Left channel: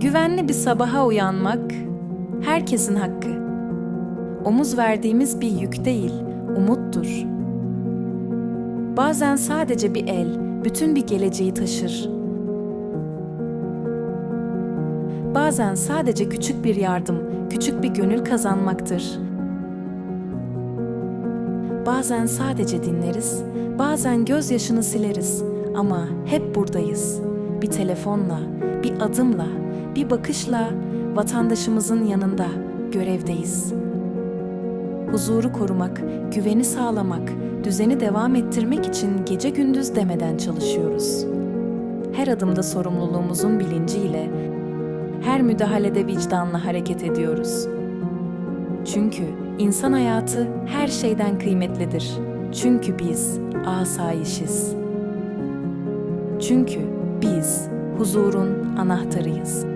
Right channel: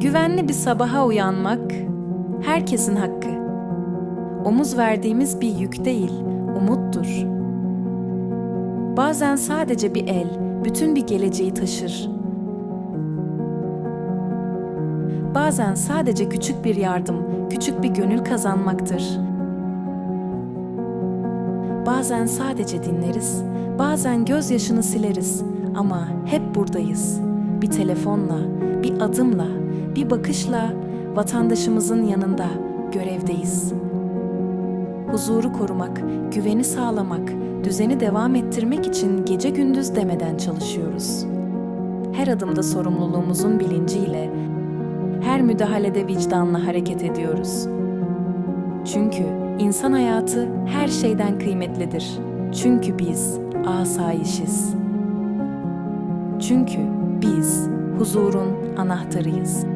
Güvenli bir sabaha uyanmak herkesin hakkı. Omuz verdiğimiz bir yük değil, umuttur. Bazen sadece bir el bütün bir geleceği taşır. Bazen sadece küçük bir yardım, küçük bir gönül kazanmaktır. Bazen sadece dinleriz, bazen gözyaşını sileriz ama hep buradayız. Bir telefonla, bir adımla, bir bakışla vatandaşımızın yanında görevdeyiz. Huzuru korumak, güveni sağlamak, düzeni devam ettirmek için gece gündüz demeden çalışıyoruz. Her adımda sorumluluğumuzun bilinciyle, her müdahalede vicdanla hareket ediyoruz. Çünkü insan hayatı her şeyden kıymetlidir. Çünkü biz asayişiz. Çünkü biz huzurun anahtarıyız.